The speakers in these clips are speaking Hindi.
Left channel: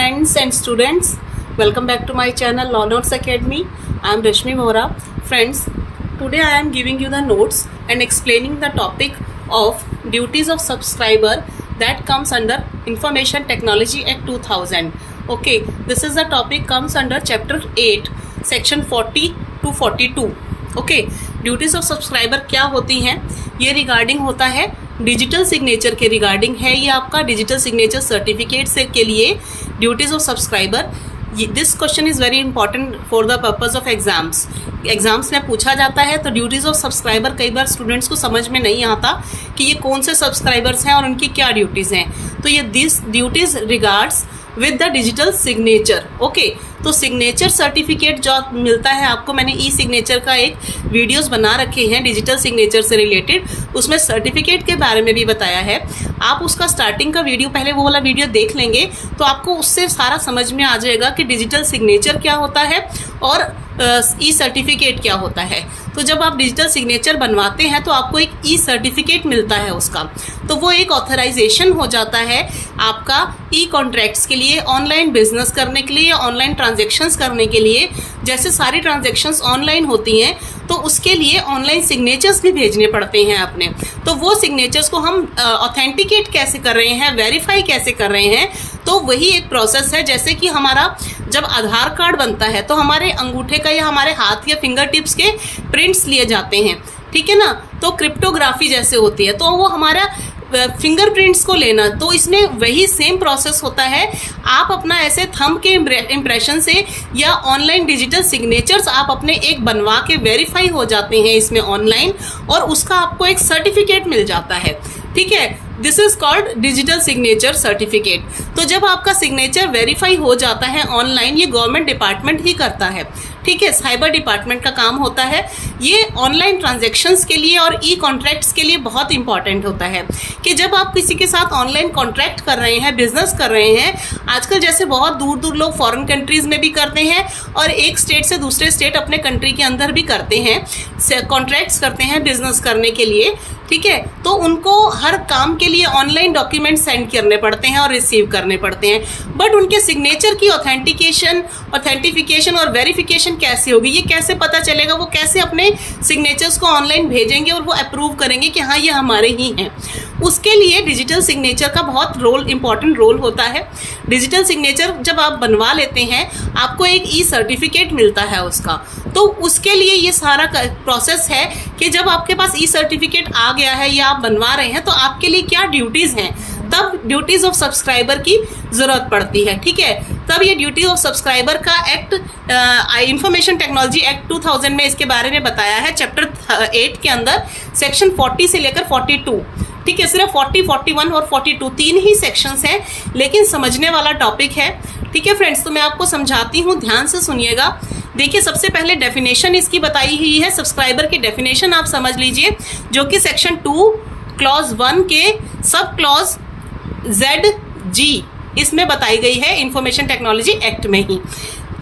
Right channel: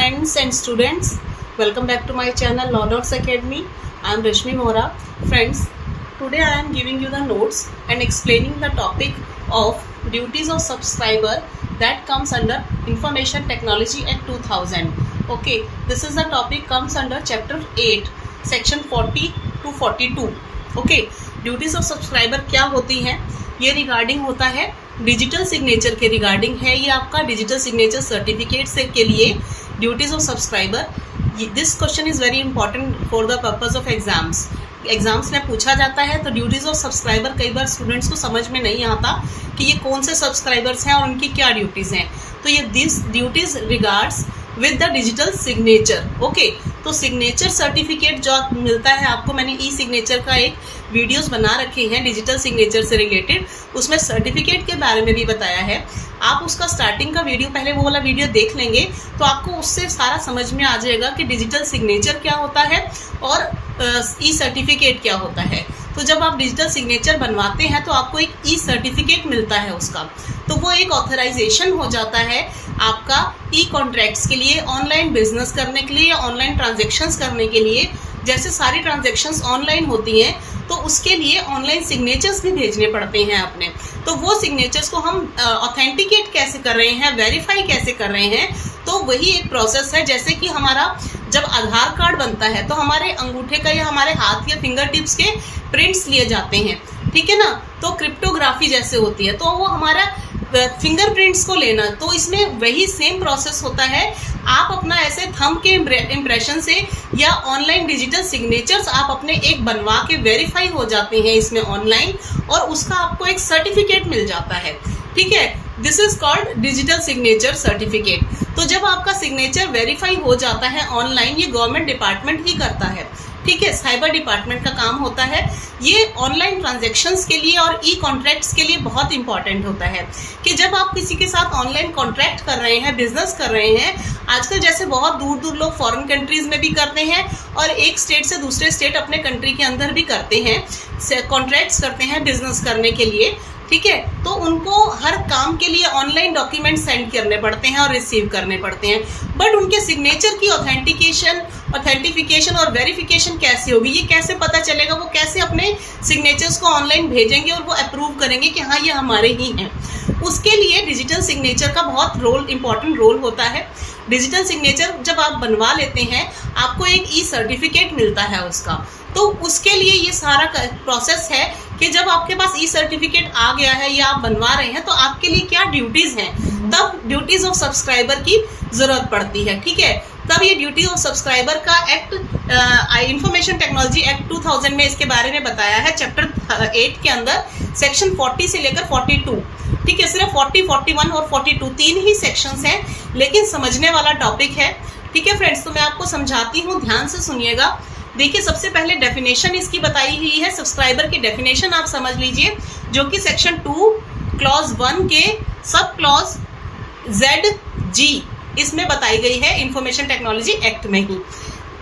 friends and students, welcome back to my channel Law Notes Academy. I am Rashmi Mohra. Friends, today I am giving you the notes and explaining the topic of duties of subscriber that comes under Information Technology Act 2000. Okay, this is the topic comes under chapter 8 section 40 to 42. Okay, duties of subscriber क्या होती हैं? ये रिगार्डिंग होता है डिजिटल सिग्नेचर के रिगार्डिंग है। ये आपका डिजिटल सिग्नेचर सर्टिफिकेट से के लिए duties of subscriber. This question is very important for the purpose of exams में पूछा जाता है। तो ड्यूटीज ऑफ सब्सक्राइबर कई बार स्टूडेंट्स को समझ में नहीं आता कि ये कौन से सब्सक्राइबर्स हैं और उनकी क्या ड्यूटीज़ हैं। तो ये this duties regards with the digital signature. Okay, तो सिग्नेचर सर्टिफिकेट जो मिलता है आपको, मैंने ई सिग्नेचर का एक वीडियोस बना रखे हैं डिजिटल सिग्नेचर से रिलेटेड, उसमें सर्टिफिकेट के बारे में भी बताया है। आप उसका स्टार्टिंग का वीडियो पहले वो वाला वीडियो देख लेंगे तो आपको उससे सारा समझ में आ जाएगा कि डिजिटल सिग्नेचर क्या होता है और ई सर्टिफिकेट क्या होता है। तो जब आप डिजिटल सिग्नेचर बनवाते हैं तो आपको एक ई सर्टिफिकेट मिलता है उसका, तो वो एक ऑथराइजेशन हो जाता है आपका ई कॉन्ट्रैक्ट्स के लिए, ऑनलाइन बिजनेस करने के लिए, ऑनलाइन ट्रांजेक्शन्स करने के लिए। जैसे सारी ट्रांजेक्शन्स ऑनलाइन होती हैं तो उसके लिए ऑनलाइन सिग्नेचर्स भी भेजने पड़ते हैं अपने। तो वो सिग्नेचर्स को हम ऑथेंटिकेट कैसे कर रहे हैं, वेरीफाई कैसे कर रहे हैं, तो वही एक प्रोसेस है। जैसे कि हमारा जब आधार कार्ड बनता है तो हमारे अंगूठे का या हमारे हाथ या फिंगर टिप्स के प्रिंट्स लिए जाते हैं, ठीक है ना। तो क्रिप्टोग्राफी जैसे होती है तो वो हमारा फिंगरप्रिंट्स को लेना, तो इसमें वही सेम प्रोसेस होता है। आप अपना ऐसे थंब के इम्प्रेशन से या ऑनलाइन डिजिटल सिग्नेचर्स आप अपने एक बनवा के वेरीफाई हो जाते हैं इसमें ऑनलाइन, और उसका आपको एक सर्टिफिकेट मिल जाता है, ठीक है। This is called digital signature certificate. तो जब आपका सिग्नेचर वेरीफाई हो जाता है ऑनलाइन, ये गवर्नमेंट डिपार्टमेंट ही करता है, ठीक है, साइबर डिपार्टमेंट का काम होता है। ये ऑनलाइन ट्रांजैक्शंस के लिए और ई कॉन्ट्रैक्ट्स के लिए बहुत इंपॉर्टेंट होता है कि जब आप किसी के साथ ऑनलाइन कॉन्ट्रैक्ट कर रहे हैं, बिजनेस कर रहे हैं, आजकल जैसे बहुत दूर दूर लोग फॉरेन कंट्रीज में भी करते हैं और एक स्टेट से दूसरे स्टेट अपने कंट्री के अंदर भी करते हैं, कॉन्ट्रैक्ट्स करते हैं बिजनेस करने के लिए, ठीक है। तो उनको हर काम के लिए ऑनलाइन डॉक्यूमेंट सेंड करने पड़ते हैं और रिसीव करने पड़ते हैं, बट उनके सिग्नेचर की ऑथेंटिफिकेशन और वेरिफिकेशन कैसे होगी, ये कैसे पता चलेगा, वो कैसे अपने सिग्नेचर्स को ऑनलाइन भेजेंगे और वो अप्रूव करेंगे कि हाँ ये हमारे ही हैं। उसके लिए डिजिटल सिग्नेचर का बहुत इंपॉर्टेंट रोल होता है। डिजिटल सिग्नेचर जब आप बनवा लेते हैं आपको एक ई सर्टिफिकेट मिलता है उसका, तो उसके लिए ये सारा प्रोसेस है कि जब आपके पास ई सर्टिफिकेट आ गया है या आप बनवा रहे हैं तो आपके लिए क्या ड्यूटीज़ हैं, तब ड्यूटीज़ ऑफ सब्सक्राइबर की ज़रूरत पड़ती है, ठीक है। तब ये ड्यूटी ऑफ सब्सक्राइबर का एक्ट इंफॉर्मेशन टेक्नोलॉजी एक्ट 2000 में इसके बारे में बताया है, चैप्टर 8 के अंदर सेक्शन 40 से लेकर 42, ठीक है। सिर्फ 40, 41 और 42 तीन ही सेक्शंस हैं, लेकिन समझने वाला टॉपिक है, ठीक है फ्रेंड्स। तो मैं आपको समझाती हूँ, ध्यान से सुनिएगा। देखिए, सबसे पहले डेफिनेशन इसकी बताई हुई है, सब्सक्राइबर की डेफिनेशन आप समझ लीजिए, जो कि सेक्शन 2 क्लॉज 1 के सब क्लॉज ZG इसमें बताई गई है इंफॉर्मेशन टेक्नोलॉजी एक्ट में ही।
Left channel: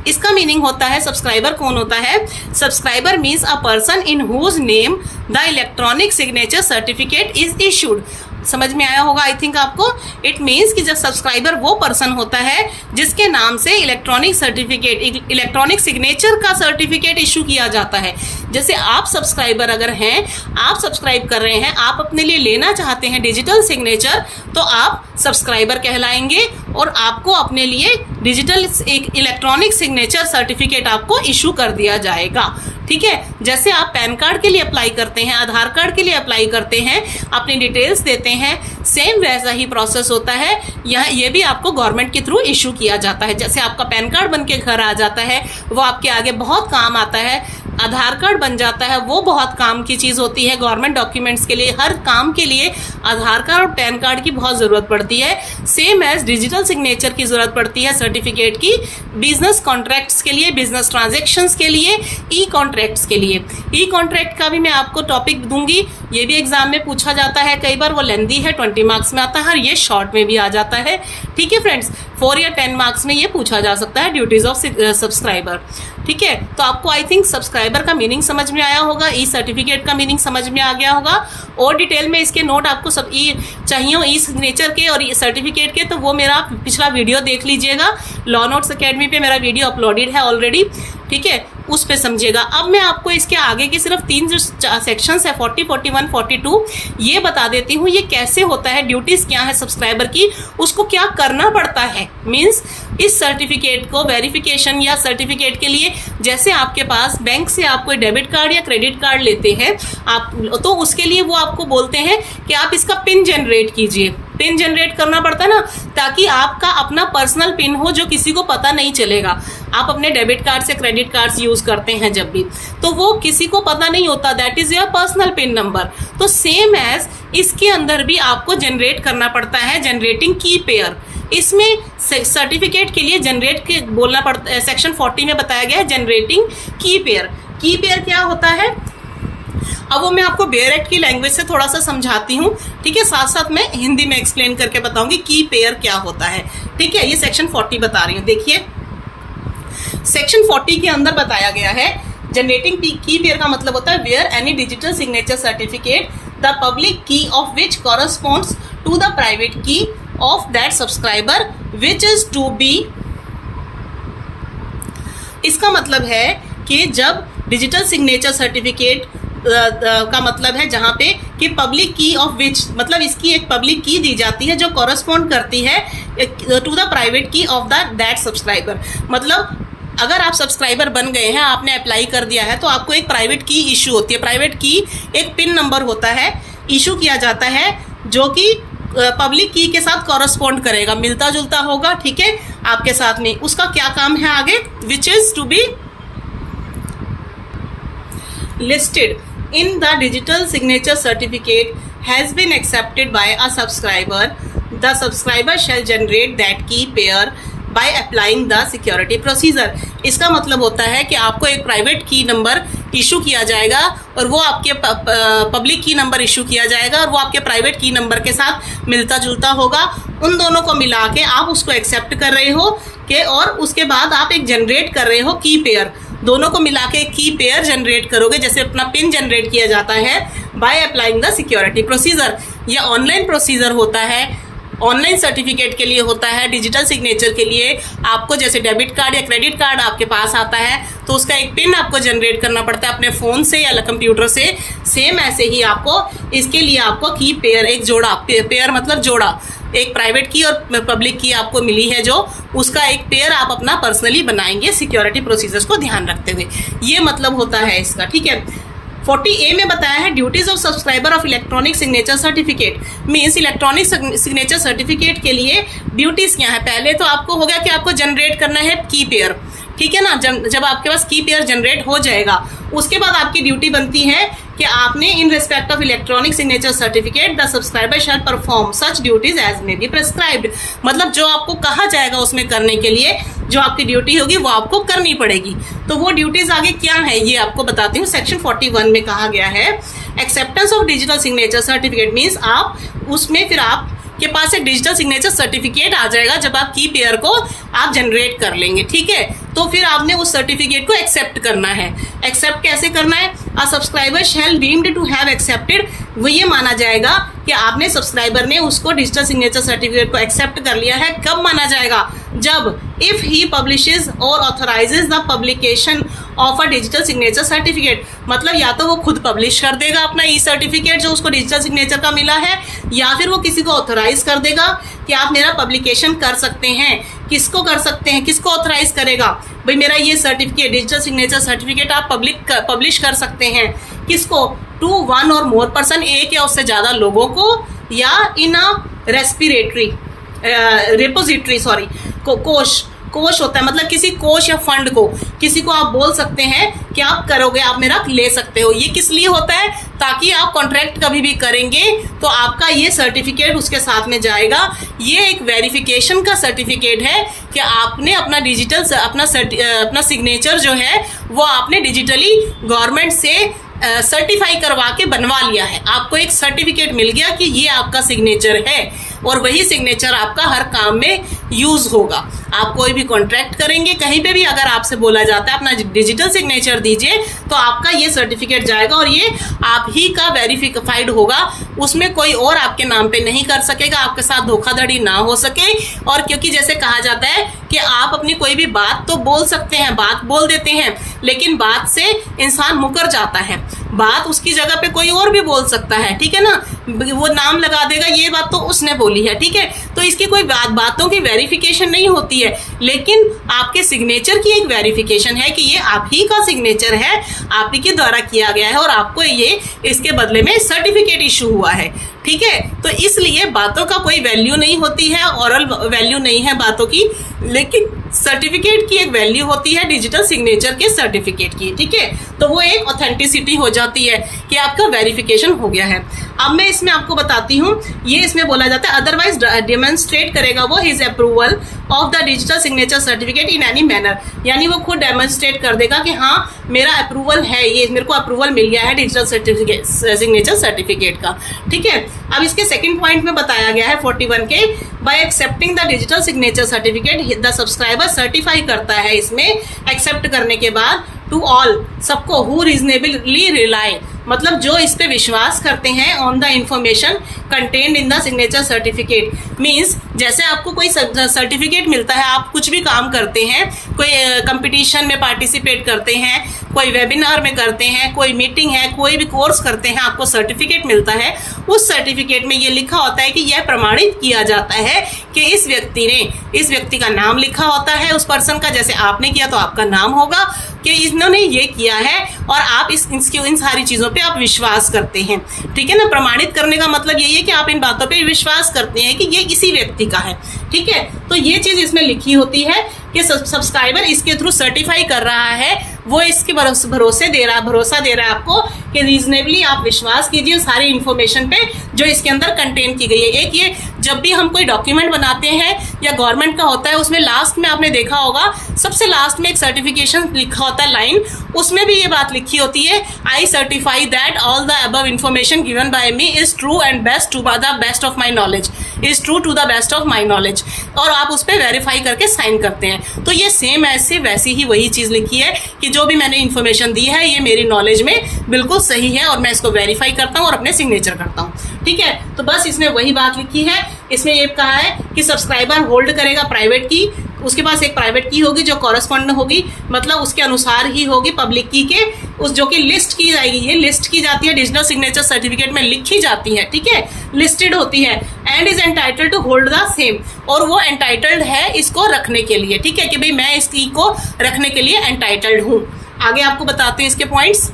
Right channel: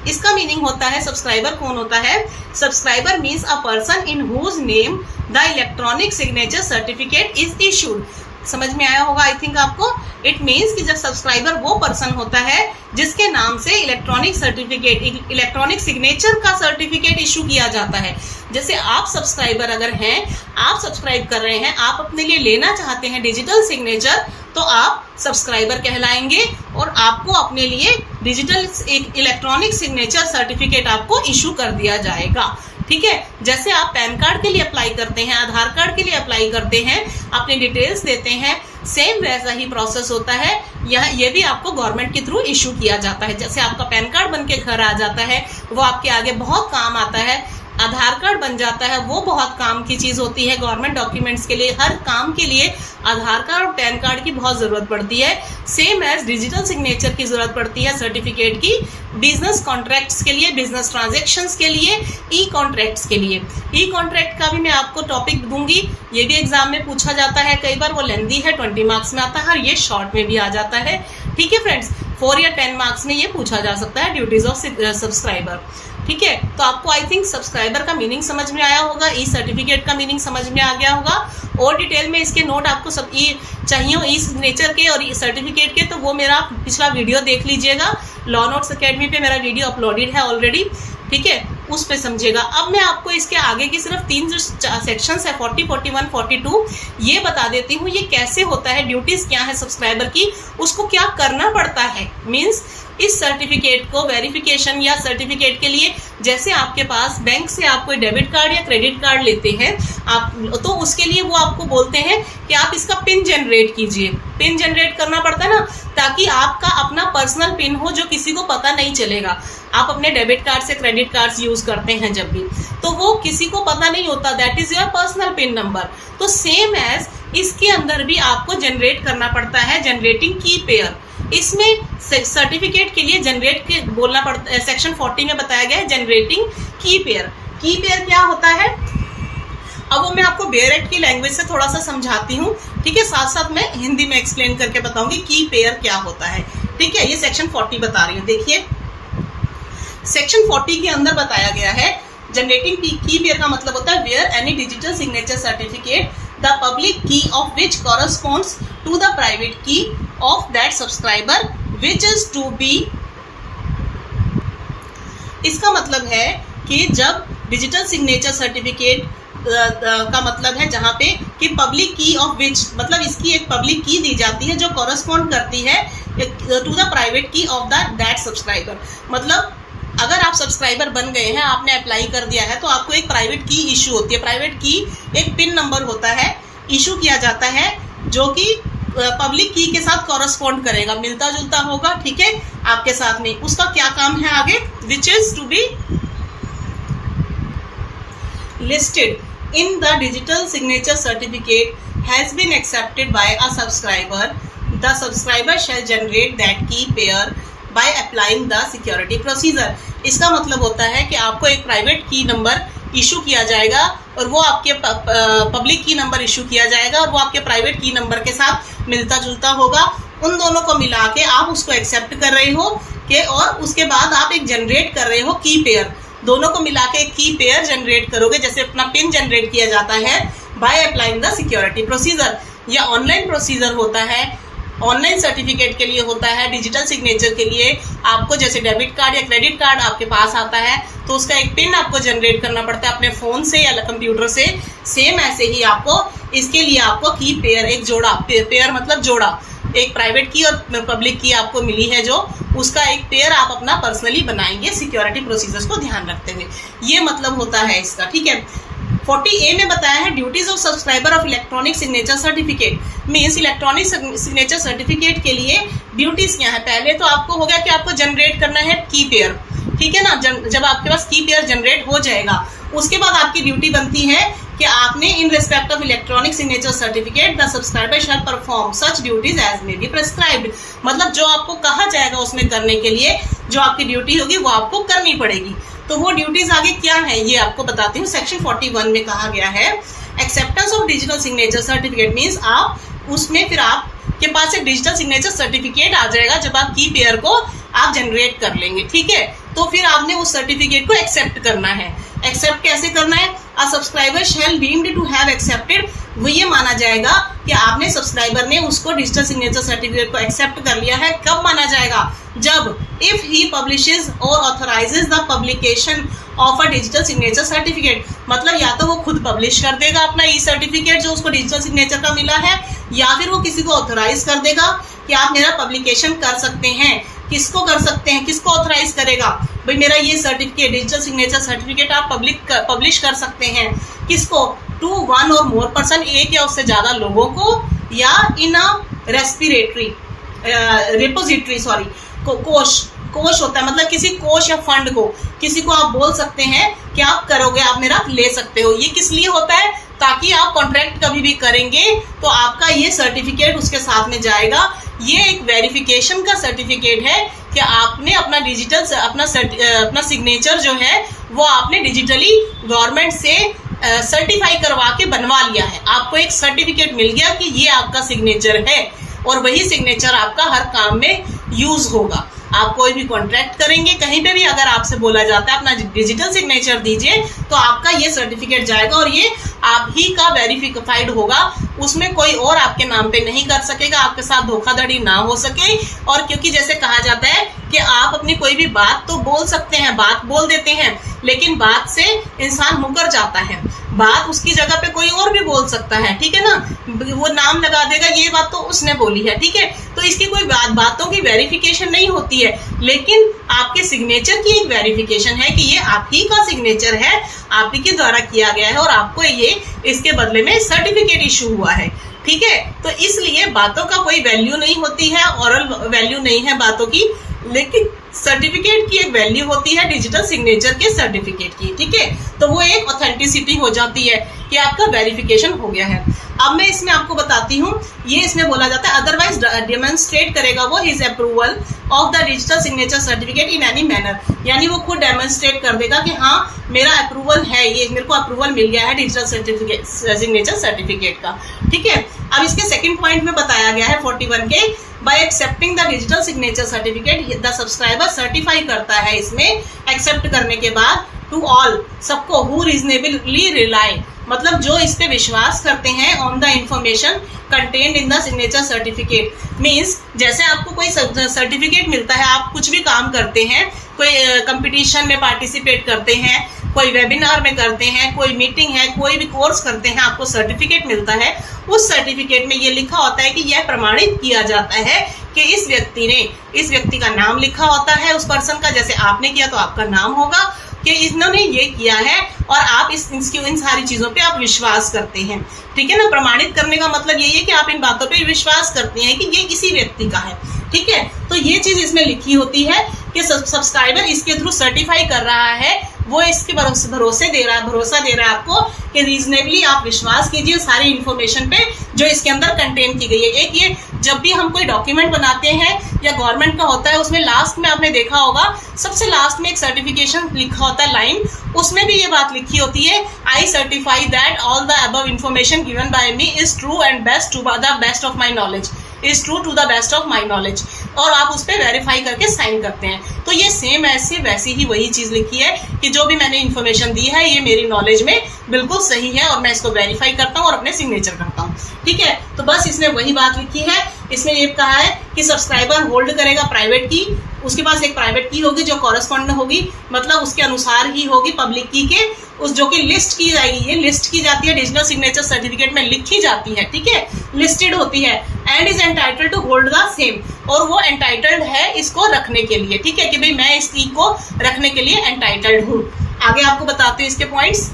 इसका मीनिंग होता है, सब्सक्राइबर कौन होता है? Subscriber means a person in whose name the electronic signature certificate is issued. समझ में आया होगा आई थिंक आपको। इट मीन्स कि जब सब्सक्राइबर वो पर्सन होता है जिसके नाम से इलेक्ट्रॉनिक इलेक्ट्रॉनिक सिग्नेचर का सर्टिफिकेट इशू किया जाता है। जैसे आप सब्सक्राइबर अगर हैं, आप सब्सक्राइब कर रहे हैं, आप अपने लिए लेना चाहते हैं डिजिटल सिग्नेचर, तो आप सब्सक्राइबर कहलाएंगे और आपको अपने लिए डिजिटल इलेक्ट्रॉनिक सिग्नेचर सर्टिफिकेट आपको इशू कर दिया जाएगा, ठीक है। जैसे आप पैन कार्ड के लिए अप्लाई करते हैं, आधार कार्ड के लिए अप्लाई करते हैं, अपनी डिटेल्स देते हैं, सेम वैसा ही प्रोसेस होता है। ये भी आपको गवर्नमेंट के थ्रू इशू किया जाता है। जैसे आपका पैन कार्ड बन के घर आ जाता है, वो आपके आगे बहुत काम आता है। आधार कार्ड बन जाता है, वो बहुत काम की चीज़ होती है गवर्नमेंट डॉक्यूमेंट्स के लिए। हर काम के लिए आधार कार्ड और पैन कार्ड की बहुत ज़रूरत पड़ती है। सेम एज डिजिटल सिग्नेचर की ज़रूरत पड़ती है सर्टिफिकेट की, बिजनेस कॉन्ट्रैक्ट्स के लिए, बिजनेस ट्रांजेक्शन्स के लिए, ई कॉन्ट्रैक्ट्स के लिए। ई कॉन्ट्रैक्ट का भी मैं आपको टॉपिक दूंगी, ये भी एग्जाम में पूछा जाता है कई बार। वो लेंदी है, 20 मार्क्स में आता है, और ये शॉर्ट में भी आ जाता है, ठीक है फ्रेंड्स। 4 या 10 मार्क्स में ये पूछा जा सकता है, ड्यूटीज ऑफ सब्सक्राइबर, ठीक है, तो आपको आई थिंक सब्सक्राइबर का मीनिंग समझ में आया होगा, ई सर्टिफिकेट का मीनिंग समझ में आ गया होगा। और डिटेल में इसके नोट आपको सब ई चाहिए ई सिग्नेचर के और ई सर्टिफिकेट के, तो वो मेरा पिछला वीडियो देख लीजिएगा। लॉ नोट्स अकेडमी पे मेरा वीडियो अपलोडेड है ऑलरेडी, ठीक है, उस पे समझिएगा। अब मैं आपको इसके आगे की सिर्फ 3 जो सेक्शंस है 40, 41, 42 ये बता देती हूँ ये कैसे होता है, ड्यूटीज क्या है सब्सक्राइबर की, उसको क्या करना पड़ता है। मीन्स इस सर्टिफिकेट को वेरिफिकेशन या सर्टिफिकेट के लिए, जैसे आपके पास बैंक से आप कोई डेबिट कार्ड या क्रेडिट कार्ड लेते हैं आप, तो उसके लिए वो आपको बोलते हैं कि आप इसका पिन जनरेट कीजिए। पिन जनरेट करना पड़ता है ना, ताकि आपका अपना पर्सनल पिन हो जो किसी को पता नहीं चलेगा। आप अपने डेबिट कार्ड से क्रेडिट कार्ड यूज करते हैं जब भी, तो वो किसी को पता नहीं होता, that is your personal pin number. तो सेम एज इसके अंदर भी आपको जनरेट करना पड़ता है जनरेटिंग की पेयर। इसमें सर्टिफिकेट के लिए जनरेट के बोलना पड़ता है, सेक्शन 40 में बताया गया है जनरेटिंग की पेयर। की पेयर क्या होता है, अब वो मैं आपको बेयर एक्ट की लैंग्वेज से थोड़ा सा समझाती हूँ, ठीक है, साथ साथ मैं हिंदी में एक्सप्लेन करके बताऊंगी की पेयर क्या होता है, ठीक है। ये सेक्शन 40 बता रही हूँ, देखिए सेक्शन 40 के अंदर बताया गया है जनरेटिंग की पेयर का मतलब होता है where any digital signature certificate the public key of which corresponds to the private key of that subscriber which is to be. इसका मतलब है कि जब डिजिटल सिग्नेचर सर्टिफिकेट का मतलब है जहां पे कि पब्लिक की ऑफ विच, मतलब इसकी एक पब्लिक की दी जाती है जो कॉरस्पॉन्ड करती है to the private key of that subscriber. मतलब अगर आप सब्सक्राइबर बन गए हैं, आपने अप्लाई कर दिया है, तो आपको एक प्राइवेट की इशू होती है। प्राइवेट की एक पिन नंबर होता है, इशू किया जाता है, जो कि पब्लिक की के साथ कॉरस्पॉन्ड करेगा, मिलता जुलता होगा, ठीक है, आपके साथ में। उसका क्या काम है आगे, which is to be listed in the digital signature certificate has been accepted by a subscriber. The subscriber shall generate that key pair by applying the security procedure. इसका मतलब होता है कि आपको एक प्राइवेट की नंबर इशू किया जाएगा और वो आपके पब्लिक की नंबर इशू किया जाएगा और वो आपके प्राइवेट की नंबर के साथ मिलता जुलता होगा। उन दोनों को मिला के आप उसको एक्सेप्ट कर रहे हो कि, और उसके बाद आप एक जनरेट कर रहे हो की पेयर। दोनों को मिला के की पेयर जनरेट करोगे, जैसे अपना पिन जनरेट किया जाता है by applying the security procedure. यह ऑनलाइन प्रोसीजर होता है, ऑनलाइन सर्टिफिकेट के लिए होता है। डिजिटल सिग्नेचर के लिए आपको जैसे डेबिट कार्ड या क्रेडिट कार्ड आपके पास आता है तो उसका एक पिन आपको जनरेट करना पड़ता है अपने फ़ोन से या कंप्यूटर से। सेम ऐसे ही आपको इसके लिए आपको की पेयर, एक जोड़ा, पेयर मतलब जोड़ा, एक प्राइवेट की और पब्लिक की आपको मिली है, जो उसका एक पेयर आप अपना पर्सनली बनाएंगे सिक्योरिटी प्रोसीजर्स को ध्यान रखते हुए। ये मतलब होता है इसका, ठीक है। 40A में बताया है duties of subscriber of electronic signature certificate. Means electronic signature certificate के लिए ड्यूटीज क्या है। पहले तो आपको हो गया कि आपको जनरेट करना है की पेयर, ठीक है ना। जब आपके पास की पेयर जनरेट हो जाएगा, उसके बाद आपकी ड्यूटी बनती है कि आपने in respect of electronic signature certificate the subscriber shall perform such duties as may be prescribed. मतलब जो आपको कहा जाएगा उसमें करने के लिए, जो आपकी ड्यूटी होगी वो आपको करनी पड़ेगी। तो वो ड्यूटीज आगे क्या है ये आपको बताती हूँ। सेक्शन 41 में कहा गया है acceptance of digital signature certificate. Means आप उसमें फिर आपके पास एक डिजिटल सिग्नेचर सर्टिफिकेट आ जाएगा जब आप की पेयर को आप जनरेट कर लेंगे, ठीक है। तो फिर आपने उस सर्टिफिकेट को एक्सेप्ट करना है। एक्सेप्ट कैसे करना है, a subscriber shall deemed to have accepted, वो ये माना जाएगा कि आपने सब्सक्राइबर ने उसको डिजिटल सिग्नेचर सर्टिफिकेट को एक्सेप्ट कर लिया है। कब माना जाएगा, जब इफ ही पब्लिशेस और authorises the publication of a digital signature certificate. मतलब या तो वो खुद पब्लिश कर देगा अपना ई सर्टिफिकेट जो उसको डिजिटल सिग्नेचर का मिला है, या फिर वो किसी को ऑथराइज कर देगा कि आप मेरा पब्लिकेशन कर सकते हैं। किसको कर सकते हैं, किसको ऑथराइज करेगा, भाई मेरा ये सर्टिफिकेट डिजिटल सिग्नेचर सर्टिफिकेट आप पब्लिश कर सकते हैं। किसको, टू वन और मोर पर्सन, एक या उससे ज़्यादा लोगों को, या इन अ रिपोजिटरी कोश होता है, मतलब किसी कोश या फंड को, किसी को आप बोल सकते हैं कि आप करोगे, आप मेरा ले सकते हो। ये किस लिए होता है, ताकि आप कॉन्ट्रैक्ट कभी भी करेंगे तो आपका ये सर्टिफिकेट उसके साथ में जाएगा। ये एक वेरिफिकेशन का सर्टिफिकेट है कि आपने अपना डिजिटल अपना सिग्नेचर जो है वो आपने डिजिटली गवर्नमेंट से सर्टिफाई करवा के बनवा लिया है। आपको एक सर्टिफिकेट मिल गया कि ये आपका सिग्नेचर है और वही सिग्नेचर आपका हर काम में यूज होगा। आप कोई भी कॉन्ट्रैक्ट करेंगे, कहीं पे भी अगर आपसे बोला जाता है अपना डिजिटल सिग्नेचर दीजिए, तो आपका ये सर्टिफिकेट जाएगा और ये आप ही का वेरीफाइड होगा, उसमें कोई और आपके नाम पे नहीं कर सकेगा, आपके साथ धोखाधड़ी ना हो सके। और क्योंकि जैसे कहा जाता है कि आप अपनी कोई भी बात तो बोल सकते हैं, बात बोल देते हैं, लेकिन बात से इंसान मुकर जाता है, बात उसकी जगह पे कोई और भी बोल सकता है, ठीक है ना, वो नाम लगा देगा ये बात तो उसने बोली है, ठीक है। तो इसकी कोई बातों की वेरिफिकेशन नहीं होती है, लेकिन आपके सिग्नेचर की एक वेरिफिकेशन है कि ये आप ही का सिग्नेचर है, आप ही के द्वारा किया गया है और आपको ये इसके बदले में सर्टिफिकेट इशू हुआ है, ठीक है। तो इसलिए बातों का कोई वैल्यू नहीं होती है, ऑरल वैल्यू नहीं है बातों की, लेकिन सर्टिफिकेट की एक वैल्यू होती है डिजिटल सिग्नेचर के सर्टिफिकेट की, ठीक है। तो वो एक ऑथेंटिसिटी हो जाती है कि आपका वेरिफिकेशन हो गया है। अब मैं इसमें आपको बताती हूँ, ये इसमें बोला जाता है अदरवाइज डेमोन्स्ट्रेट करेगा वो his approval of the digital signature certificate in any manner, यानी वो खुद डेमोन्स्ट्रेट कर देगा कि हाँ मेरा अप्रूवल है, ये मेरे को अप्रूवल मिल गया है डिजिटल सर्टिफिकेट सिग्नेचर सर्टिफिकेट का, ठीक है। अब इसके सेकंड पॉइंट में बताया गया है 41 के, bye accepting the digital signature certificate the subscriber certify करता है, इसमें एक्सेप्ट करने के बाद टू ऑल सबको हु रीजनेबली रिलाई, मतलब जो इस पे विश्वास करते हैं on the information contained in the signature certificate. Means जैसे आपको कोई सर्टिफिकेट मिलता है, आप कुछ भी काम करते हैं, कोई कंपटीशन में पार्टिसिपेट करते हैं, कोई वेबिनार में करते हैं, कोई मीटिंग है, कोई भी कोर्स करते हैं, आपको सर्टिफिकेट मिलता है, उस सर्टिफिकेट में ये लिखा होता है कि यह प्रमाणित किया जाता है कि इस व्यक्ति का नाम लिखा होता है, उस पर्सन का, जैसे आपने किया तो आपका नाम होगा कि इन्होंने ये किया है और आप इन सारी चीजों पे आप विश्वास करते हैं, ठीक है ना। प्रमाणित करने का मतलब यही है कि आप इन बातों पे विश्वास करते हैं कि ये इसी व्यक्ति का है, ठीक है। तो ये चीज इसमें लिखी होती है कि सब्सक्राइबर इसके थ्रू सर्टिफाई कर रहा है, वो इसके भरोसा दे रहा है आपको कि रीजनेबली आप विश्वास कीजिए सारी इंफॉर्मेशन पे जो इसके अंदर कंटेन की गई है। एक ये जब भी हम कोई डॉक्यूमेंट बनाते हैं या गवर्नमेंट का होता है, उसमें लास्ट में आपने देखा होगा सबसे लास्ट में एक सर्टिफिकेशन लिखा होता है लाइन, उसमें भी ये बात लिखी होती है, I certify that all the above information given by me is true and best to the best of my knowledge, is true to the best of my knowledge, और आप उस पर वेरीफाई करके साइन करते हैं। तो ये सेम ऐसे वैसी ही वही चीज लिखी है कि जो भी मैंने इन्फॉर्मेशन दी है ये मेरी नॉलेज में बिल्कुल सही है और मैं इसको वेरीफाई करता हूँ और अपने सिग्नेचर करता हूँ, ठीक है। तो बस इसमें वही बात लिखी है, इसमें ये कहा है कि सब्सक्राइबर होल्ड करेगा प्राइवेट की, उसके पास एक प्राइवेट की होगी जो कॉरेस्पॉन्ड होगी, मतलब उसके अनुसार ही होगी पब्लिक की के, उस जो कि लिस्ट की जाएगी, ये लिस्ट की जाती है डिजिटल सिग्नेचर सर्टिफिकेट में लिखी जाती है, ठीक है, लिस्टेड होती है, and is entitled to hold the same, और वो एंटाइटल्ड है इसको रखने के लिए, ठीक है, कि भाई मैं इस की को रखने के लिए एंटाइटल्ड हूँ। आगे आपको बताते हैं इसके पॉइंट्स।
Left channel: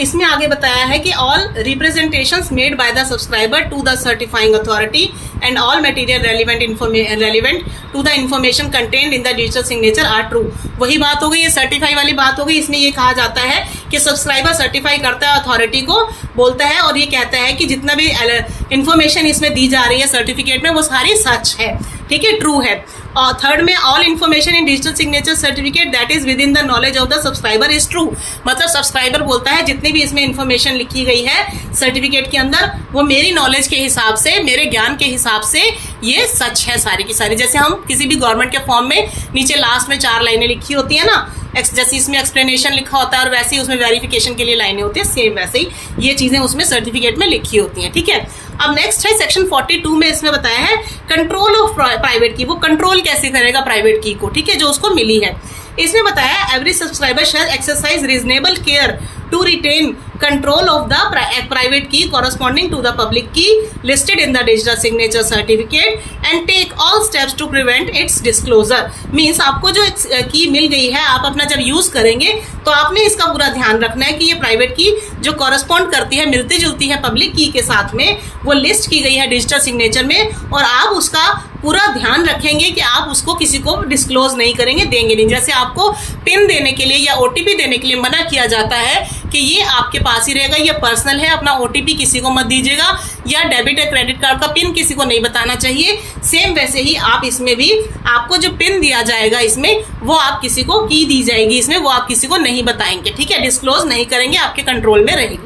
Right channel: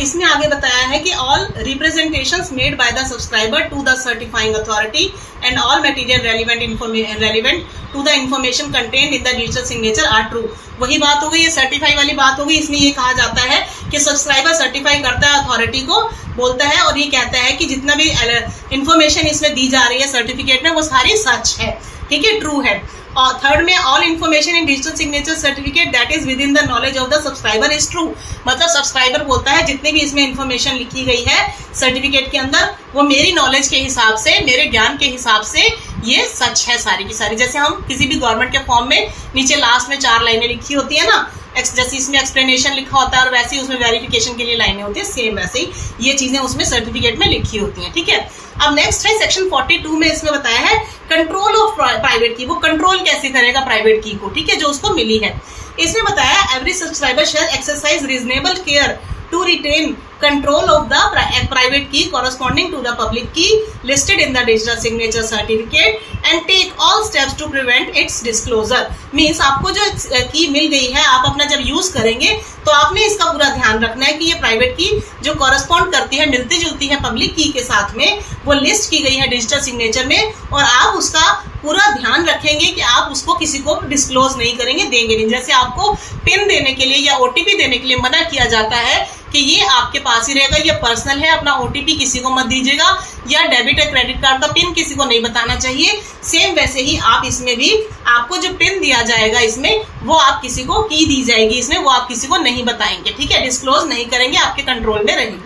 इसमें आगे बताया है कि all representations made by the subscriber to the certifying authority and all material relevant to the information contained in the digital signature are true. वही बात हो गई, ये सर्टिफाई वाली बात हो गई। इसमें ये कहा जाता है कि सब्सक्राइबर सर्टिफाई करता है, अथॉरिटी को बोलता है और ये कहता है कि जितना भी इंफॉर्मेशन इसमें दी जा रही है सर्टिफिकेट में वो सारी सच है, ठीक है, ट्रू है। और थर्ड में all information in digital signature certificate that is with in the knowledge of the subscriber is true, मतलब सब्सक्राइबर बोलता है जितनी भी इसमें इन्फॉर्मेशन लिखी गई है सर्टिफिकेट के अंदर वो मेरी नॉलेज के हिसाब से, मेरे ज्ञान के हिसाब से ये सच है सारी की सारी। जैसे हम किसी भी गवर्नमेंट के फॉर्म में नीचे लास्ट में 4 लाइनें लिखी होती है ना, जैसे इसमें एक्सप्लेनेशन लिखा होता है और वैसे ही उसमें वेरिफिकेशन के लिए लाइनें होती है, सेम वैसे ही ये चीजें उसमें सर्टिफिकेट में लिखी होती हैं, ठीक है। अब नेक्स्ट है सेक्शन 42 में इसमें बताया है कंट्रोल ऑफ प्राइवेट की, वो कंट्रोल कैसे करेगा प्राइवेट की को, ठीक है, जो उसको मिली है। इसमें बताया every subscriber shall exercise reasonable care to retain control of the private key corresponding to the public key listed in the digital signature certificate and take all steps to prevent its disclosure। Means आपको जो की मिल गई है आप अपना जब यूज करेंगे तो आपने इसका पूरा ध्यान रखना है कि ये प्राइवेट की जो कॉरेस्पॉन्ड करती है, मिलती जुलती है पब्लिक की के साथ में, वो लिस्ट की गई है डिजिटल सिग्नेचर में, और आप उसका पूरा ध्यान रखेंगे कि आप उसको किसी को डिस्क्लोज नहीं करेंगे, देंगे नहीं। जैसे आपको पिन देने के लिए या ओटीपी देने के लिए मना किया जाता है कि ये आपके पास ही रहेगा, ये पर्सनल है, अपना ओटीपी किसी को मत दीजिएगा, या डेबिट या क्रेडिट कार्ड का पिन किसी को नहीं बताना चाहिए। सेम वैसे ही आप इसमें भी आपको जो पिन दिया जाएगा इसमें वो आप किसी को की दी जाएगी, इसमें वो आप किसी को नहीं बताएंगे, ठीक है, डिस्क्लोज नहीं करेंगे, आपके कंट्रोल में रहेगी।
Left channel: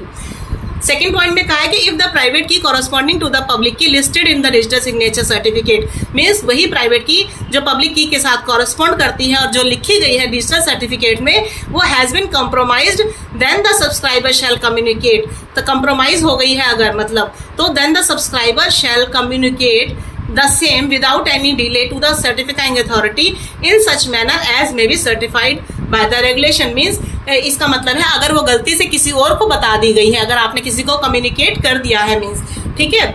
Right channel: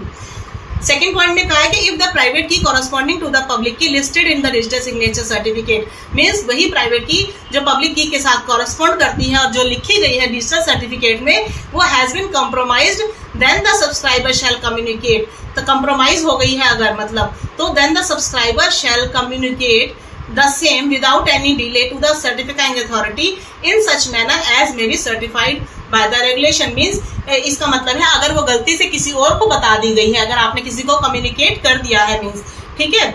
सेकंड पॉइंट में कहा है कि इफ द प्राइवेट की कॉरस्पॉन्डिंग टू द पब्लिक की listed in the register signature certificate, means वही प्राइवेट की जो पब्लिक की के साथ कॉरस्पॉन्ड करती है और जो लिखी गई है रजिस्टर सर्टिफिकेट में वो has been compromised, then the subscriber shall communicate, तो कंप्रोमाइज हो गई है अगर मतलब, तो then the subscriber shall communicate the same without any delay to the certifying authority in such manner as may be certified by the regulation. Means इसका मतलब है अगर वो गलती से किसी और को बता दी गई है, अगर आपने किसी को कम्युनिकेट कर दिया है, मीन्स ठीक है,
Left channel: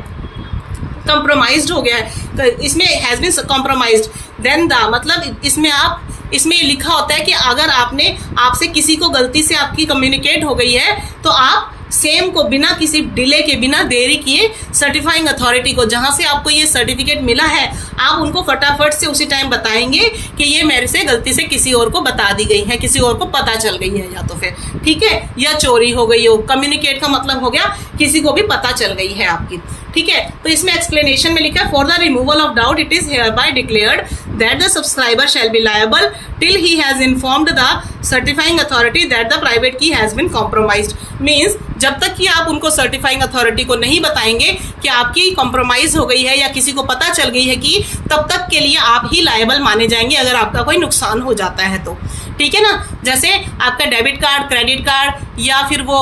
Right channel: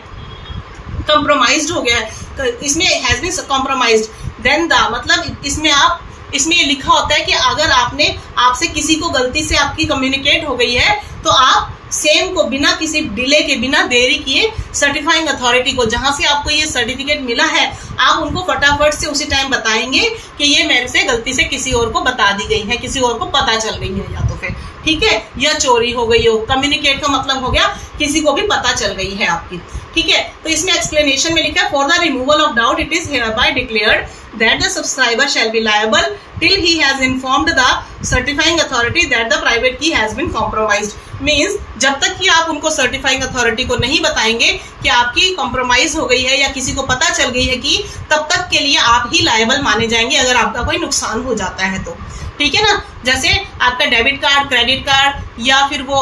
कंप्रोमाइज्ड हो गया है, इसमें has been compromised, then the मतलब इसमें ये लिखा होता है कि अगर आपसे किसी को गलती से आपकी कम्युनिकेट हो गई है तो आप सेम को बिना किसी डिले के, बिना देरी किए सर्टिफाइंग अथॉरिटी को, जहां से आपको ये सर्टिफिकेट मिला है, आप उनको फटाफट से उसी टाइम बताएंगे कि ये मेरे से गलती से किसी और को बता दी गई है, किसी और को पता चल गई है, या तो फिर ठीक है, या चोरी हो गई हो। कम्युनिकेट का मतलब हो गया किसी को भी पता चल गई है आपकी, ठीक है। तो इसमें एक्सप्लेनेशन में लिखा है for the removal of doubt it is here bye declared that the subscriber shall be liable till he has informed the certifying authority that the private की हैज बीन कॉम्प्रोमाइज्ड। मीन्स जब तक कि आप उनको सर्टिफाइंग अथॉरिटी को नहीं बताएंगे कि आपकी कॉम्प्रोमाइज हो गई है या किसी को पता चल गई है कि, तब तक के लिए आप ही लायबल माने जाएंगे अगर आपका कोई नुकसान हो जाता है तो, ठीक है ना। जैसे आपका डेबिट कार्ड, क्रेडिट कार्ड या फिर वो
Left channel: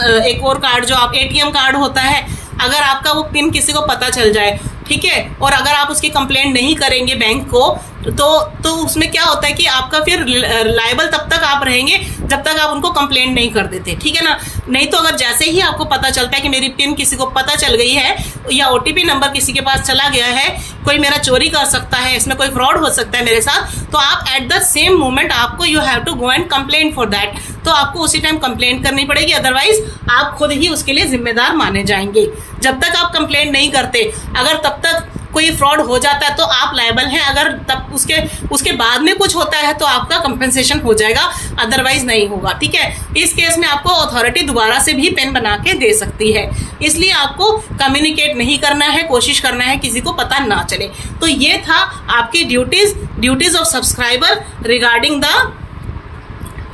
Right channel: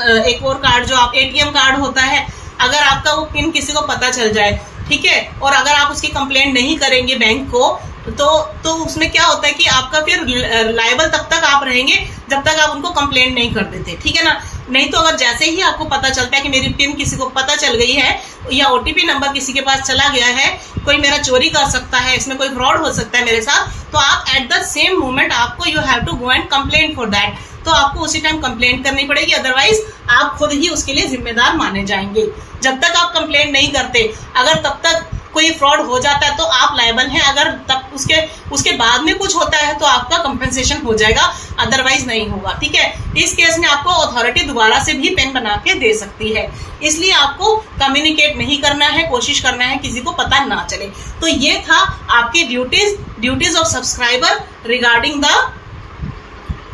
एक और कार्ड जो आप ATM कार्ड होता है, अगर आपका वो पिन किसी को पता चल जाए, ठीक है, और अगर आप उसकी कंप्लेंट नहीं करेंगे बैंक को तो उसमें क्या होता है कि आपका फिर लायबल तब तक आप रहेंगे जब तक आप उनको कंप्लेंट नहीं कर देते, ठीक है ना। नहीं तो अगर जैसे ही आपको पता चलता है कि मेरी पिन किसी को पता चल गई है या OTP नंबर किसी के पास चला गया है, कोई मेरा चोरी कर सकता है, इसमें कोई फ्रॉड हो सकता है मेरे साथ, तो आप एट द सेम मोमेंट आपको you have to go and complaint for that, तो आपको उसी टाइम कंप्लेंट करनी पड़ेगी, अदरवाइज आप खुद ही उसके लिए जिम्मेदार माने जाएंगे। जब तक आप कंप्लेंट नहीं करते, अगर तब तक कोई फ्रॉड हो जाता है तो आप लायबल हैं, अगर तब उसके बाद में कुछ होता है तो आपका कंपनसेशन हो जाएगा, अदरवाइज नहीं होगा, ठीक है। इस केस में आपको अथॉरिटी दोबारा से भी पेन बना के दे सकती है, इसलिए आपको कम्युनिकेट नहीं करना है, कोशिश करना है किसी को पता ना चले। तो ये था आपकी duties of subscriber regarding the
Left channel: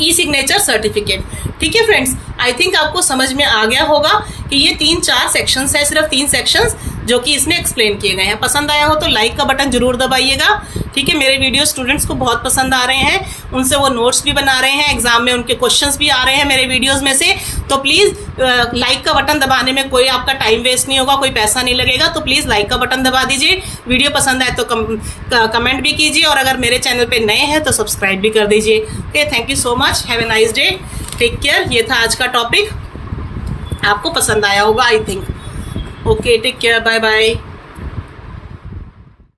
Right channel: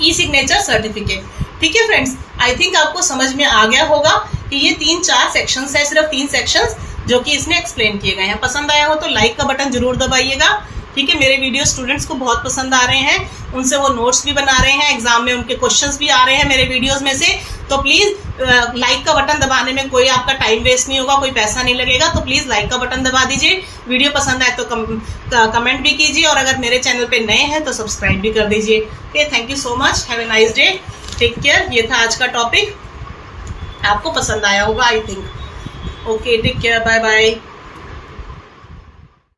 e signature certificate, ठीक है फ्रेंड्स। आई थिंक आपको समझ में आ गया होगा कि ये 3-4 सेक्शंस है, सिर्फ 3 सेक्शंस जो कि इसमें एक्सप्लेन किए गए हैं। पसंद आया हो तो लाइक का बटन जरूर दबाइएगा, ठीक है। मेरे वीडियो स्टूडेंट्स को बहुत पसंद आ रहे हैं, उनसे वो नोट्स भी बना रहे हैं, एग्जाम में उनके क्वेश्चंस भी आ रहे हैं मेरे वीडियोस में से, तो प्लीज़ लाइक का बटन दबाने में कोई आपका टाइम वेस्ट नहीं होगा, कोई पैसा नहीं लगेगा, तो प्लीज़ लाइक का बटन दबा दीजिए। वीडियो पसंद आए तो कमेंट भी कीजिए, और अगर मेरे चैनल पर नए हैं तो सब्सक्राइब भी कर दीजिए। Okay, thank you so much, have a nice day, take care. ये था आज का टॉपिक, आपको पसंद आया होगा I think. Okay, take care, bye bye.